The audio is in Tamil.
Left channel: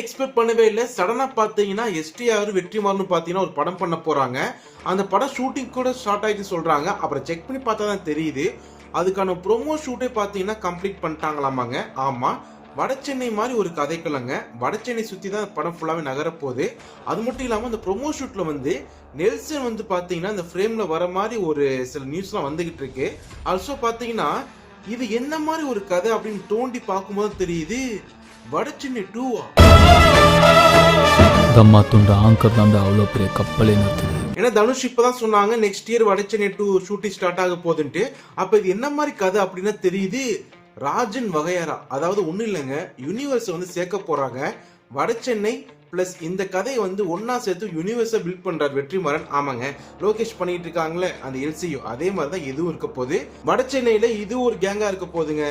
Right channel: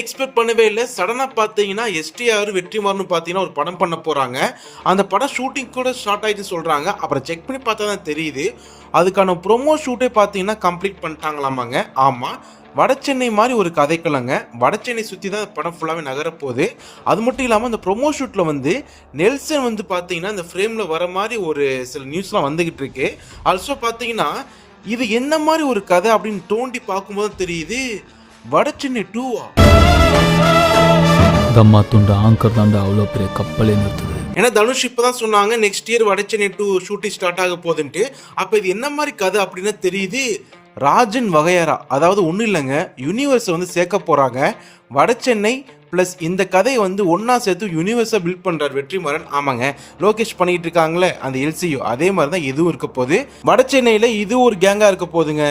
எக்ஸ்பெக்ட் பண்ணவே இல்ல. சடனா பார்த்தீங்கன்னா, எஸ்டிஆர், வெற்றிமாறன் பார்த்தீங்கன்னா ஒரு படம் பண்ண போறாங்க. அந்த படம் ஷூட்டிங் கூட ஸ்டார்ட் ஆயிடுச்சுன்னு சொல்றாங்க. அப்புறம் செக் பண்ணி பார்த்தா தான் தெரியுது. அதுக்கான ப்ரொமோ ஷூட்டே பார்த்தீங்கன்னா கம்ப்ளீட் பண்ணிட்டாங்களாமாங்க. ஆமா. வடசென்னை மாரி ஒரு கதைக்களங்க. வடசென்னை சுத்தி தான் படம் ஃபுல்லாவே நகரப்போது. அது மட்டும் இல்லாம அந்த ப்ரொமோ ஷூட்ல வந்து நெல்சன் வந்து பார்த்தீங்கன்னா, இந்த ஃப்ரேம்ல வர மாரி ஒரு சில நியூஸ்லாம் வந்துகிட்டு இருக்கு. ஆல்சோ பார்த்தீங்கன்னா, இது என்ன மாரி ஒரு கதை அப்படின்னு தோண்டி பார்க்கும்போது தெரியுது. வடசென்னை 2 தம்மா துண்ட ஆங்கர் தாண்டா அவ்வளோ பெரிய கப்பலே நிறுத்துது. ஏன்னா தனுஷ் இப்பதான் சொன்னாங்க next year Vadachennai 2 shooting start ஆக போகுதுன்ட்டு. அப்ப இது என்ன மாதிரி கதை அப்படின்னு தெரியுது. ராஜன் வகையறா, அதாவது ஒன்றும் இல்லைங்க, யூனிவர்ஸை வந்து சேர்க்க போறாங்க. வடசென்னை ப்ளஸ் இந்த கதையை வந்து ஒன்றா சேர்த்து யூனிவர்ஸை பில்ட் பண்ணுறார் வெற்றிமாறன். ஆமாங்க, லோகேஷ் பண்ணிட்டு இருக்காங்களே அந்த எல்சியு, அதே மாதிரி தான் இதுவும் இருக்க போகுது. வடசென்னையில் இது ஒரு கேங்காக இருக்க போகுதுங்க.